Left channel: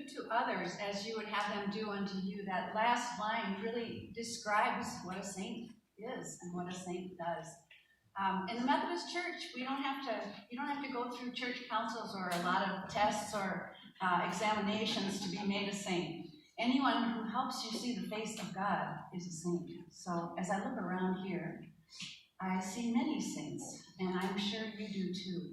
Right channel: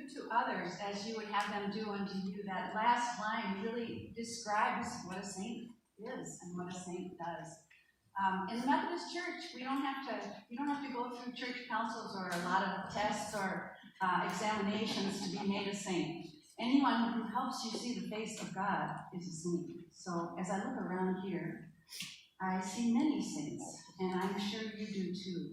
do to others as you would have them do unto you. That last line really describes what a saint is and what a saint does. In the Methodist Church, you don't have to go through church councils or a lot of tests or examinations to be made a saint. Anyone who helps you see the face of God is a saint. So as I look around here, I see many saints, and I'm sure you do too.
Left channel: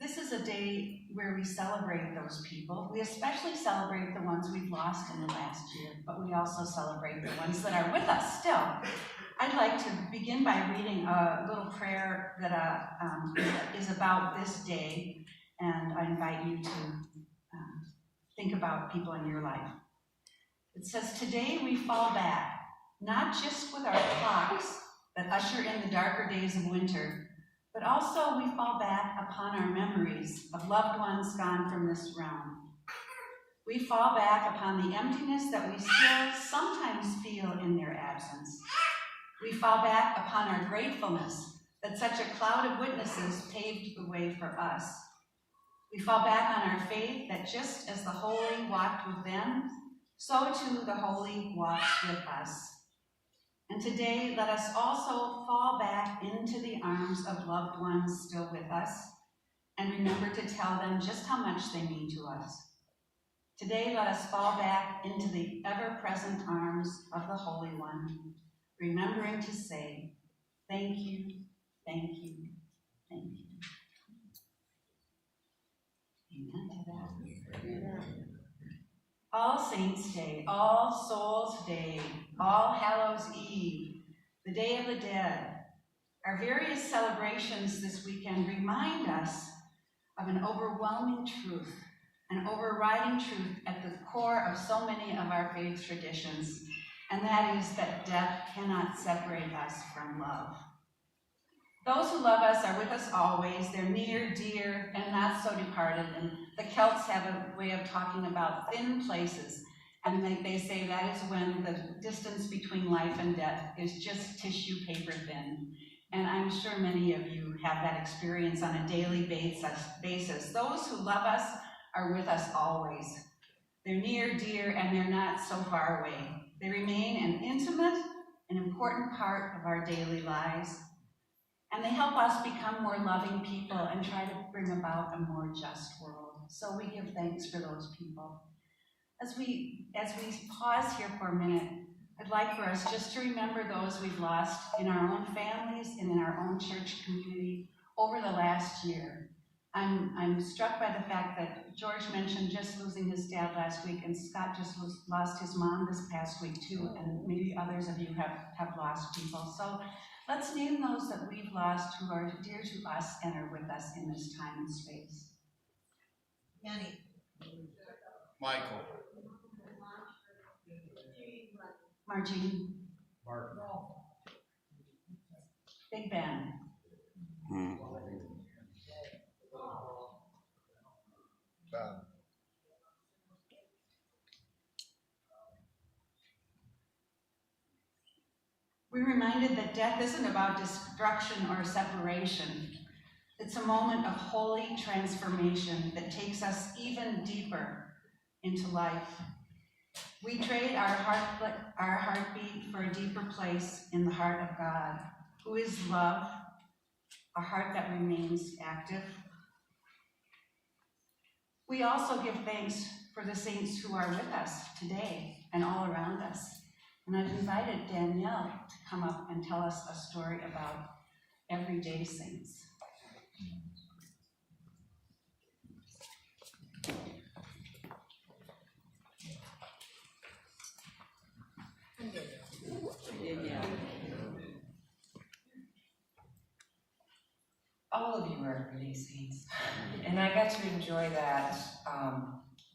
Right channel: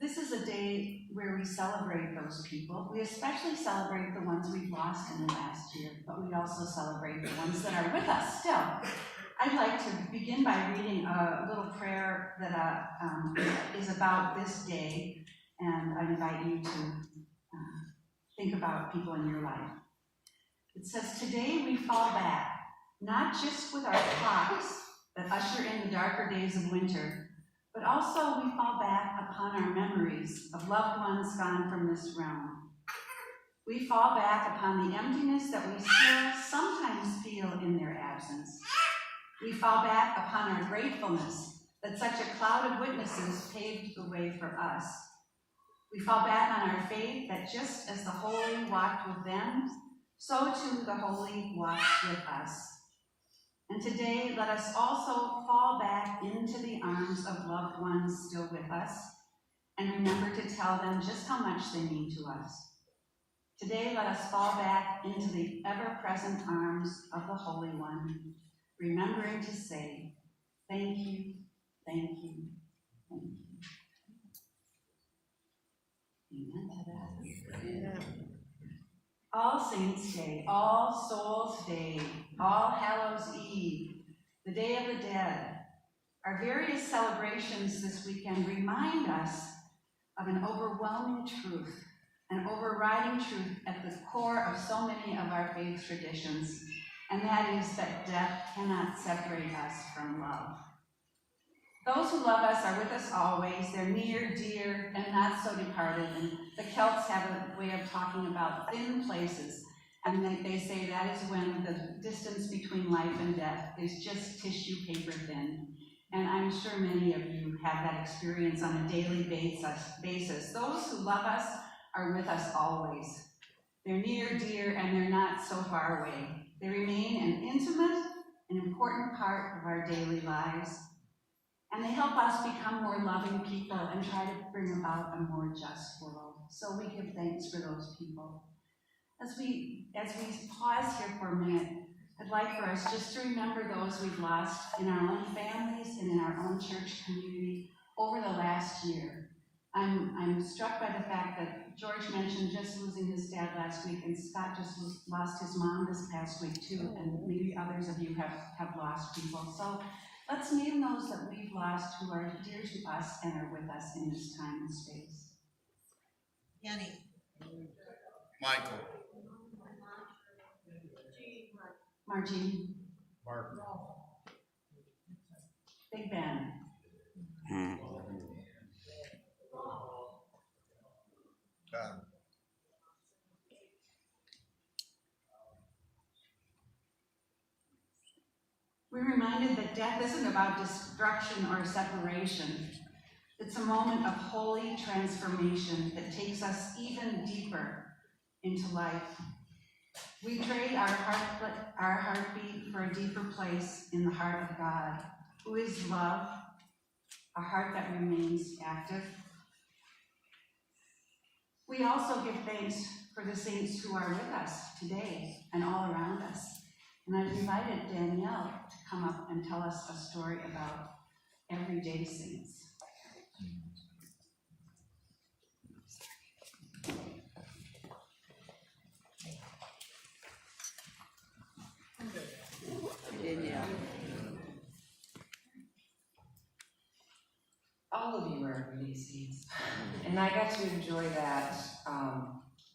This is a day where we celebrate those people. We especially celebrate the ones we've lost in the last year, but we also celebrate the ones that are with us still. I'd like to begin by reading a little prayer that is about this day, and I invite you to think about people in your life. It says, today we fall back, not just with our clocks that usher in the darker days of winter, but also we fall back upon our memories of loved ones gone from this realm. We fall back upon the emptiness that we still sometimes feel in their absence. We fall back upon our gratefulness that such a cloud of witnesses paved the way for us. We fall back on our faith that just as the holy walked with them, so too the holy walks with us. And today, let us also fall back into the arms of loved ones still with us, and remember to tell them just how much they mean to us. Today, let us fall back into the ever-present arms of the Holy One, remembering to say, thank you, thank you, thank you. Amen to that. Amen. All Saints' Day, All Souls' Day, All Hallows' Eve, the Day of the Dead. Our various celebrations this weekend remind us of an overwhelming truth, an overriding truth at the core of so many of our faith traditions, and that is that death cannot separate us from love. Those who love us are with us always. They're near, dear, and not so departed. And the Celts have a way of talking about thin places. And they say that is when the distance between life and death is just tissue paper thin. And I'm sure many of you have that experience on a daily basis. Those who love us are with us always. They're near, dear, and they're not so far away. They remain an intimate and important part of our daily lives. And they help us become more loving people and try to bring about a more just world. So we give thanks for those people. As we pause here for a minute, I'd like for us just to remember those we've lost in our own families and in our own church community over the last year. I'm struck by the fact that George mentioned just losing his dad last week, and Scott just lost his mom this past week too, and maybe others of you have lost people. So let's name those that we've lost who are dear to us and are with us in this time and space. Yanni. Michael. Margie. Mark. Big Ben. Tom. We're reminded that death isn't about destruction or separation. It's a moment of holy transformation that takes us even deeper into life. We trade our heartbeat for a deeper place in the heart of God, who is love, a heart that remains active. We also give thanks for the saints who are with us today and all around us. And I've invited Danielle to come up and tell us a story about everyday saints. All of you are everyday saints. And I got to enjoy that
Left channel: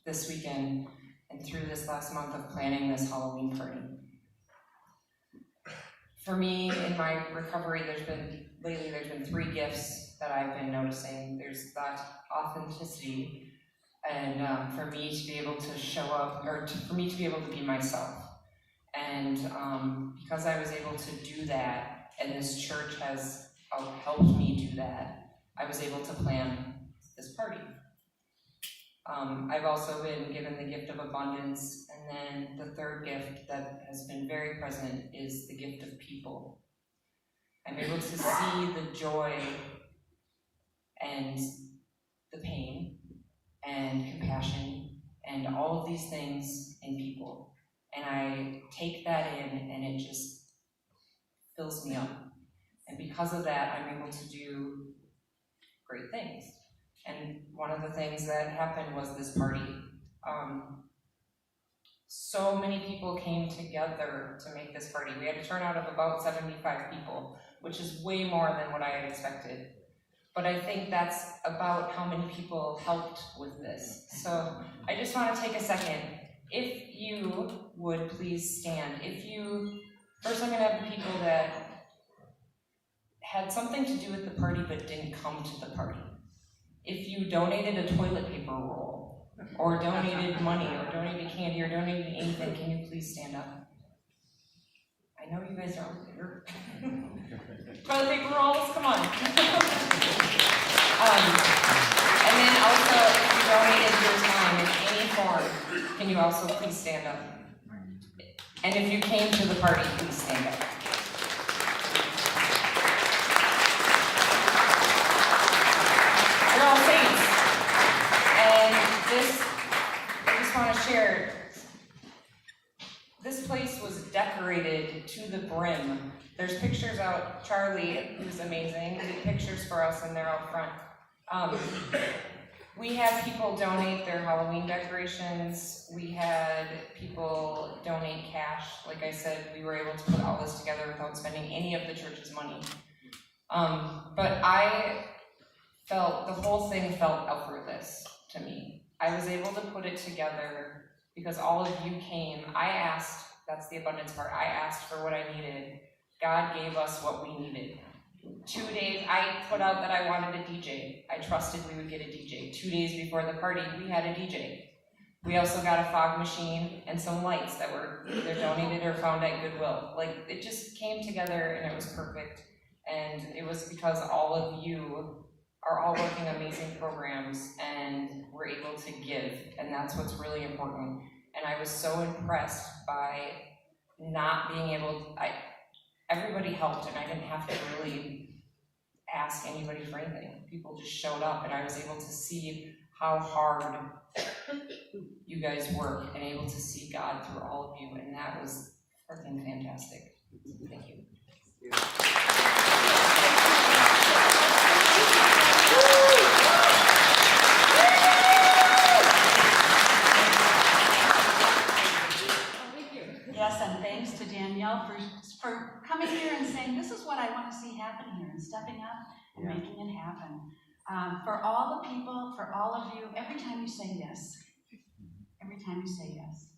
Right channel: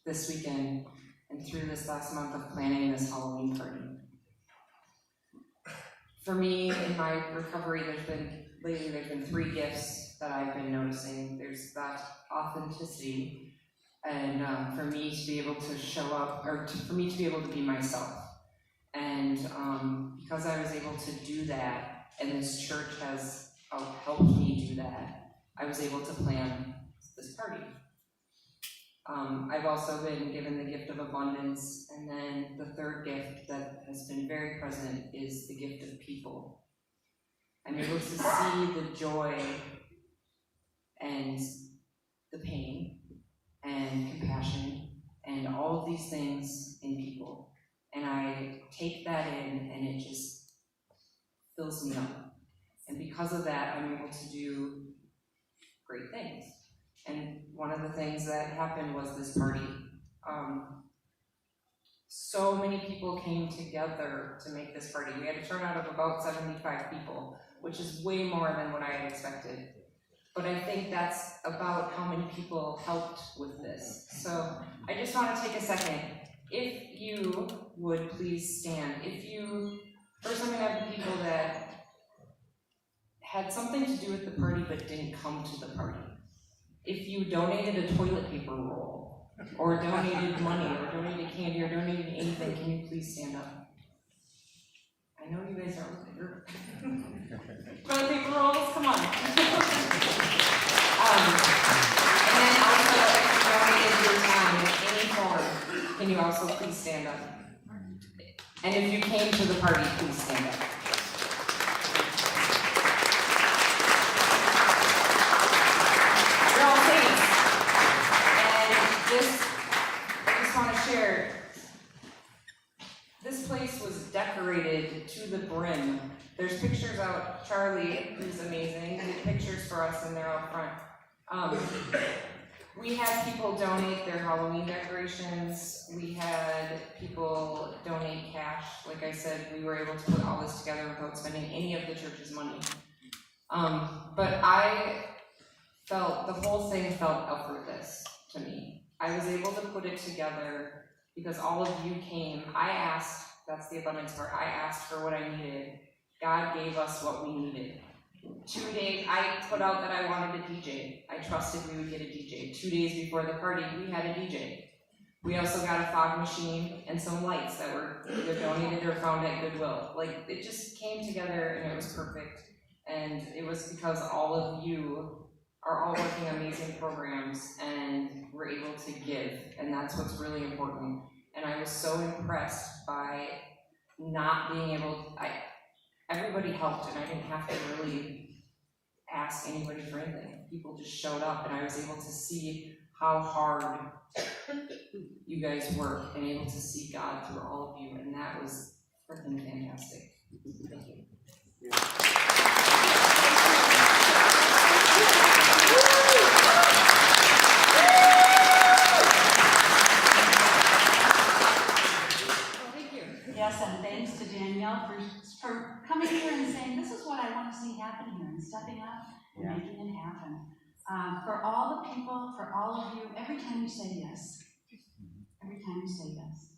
this weekend and through this last month of planning this Halloween party. For me, in my recovery, there's been 3 gifts that I've been noticing. There's that authenticity, and for me to be able to show up, for me to be able to be myself. And because I was able to do that, and this church has helped me do that, I was able to plan this party. I've also been given the gift of abundance, and then the third gift that has been very present is the gift of people. I'm able to see the joy and the pain and compassion and all of these things in people. And I take that in and it just fills me up. And because of that, I'm able to do great things. And one of the things that happened was this party. So many people came together to make this party. We had a turnout of about 75 people, which is way more than what I had expected. But I think that's about how many people helped with this. So I just want to take a second. If you would please stand. First I'm going to have the people that had something to do with the party but didn't come to the party. If you donated a toilet paper roll, or donated money, or donated candy, or donated anything, can you please stand up? I know you guys are here. Toilet paper rolls, come on. And then also, if you donated your time in any form, can you also please stand up? And if you came to the party, please stand up. You're all saints. And I just want to share, this place was decorated to the brim. There's pictures out. Charlie, who's amazing, did pictures for us, and they're out front. We had people donate their Halloween decorations. We had people donate cash. Like I said, we were able to put all this together without spending any of the church's money. But I felt, the whole thing felt effortless to me. I was able to put it together because all of you came. I asked, that's the abundance part, I asked for what I needed. God gave us what we needed. 2 days, I put out that I wanted a DJ. I trusted we would get a DJ. 2 days before the party, we had a DJ. We also got a fog machine and some lights that were either donated or found at Goodwill. Like, it just came together and it was perfect. And it was because all of you are all working amazing programs and were able to give. And that's what's really important. And I was so impressed by not being able, everybody helped, and I didn't have to really ask anybody for anything. People just showed up, and I was able to see how hard you guys work and able to see God through all of you, and that was freaking fantastic. Thank you. Yes, and thanks to Danielle for coming here and saying, this is what I want to see happen here, and stepping up and making it happen. For all the people, for all of you, every time you say yes, every time you say yes,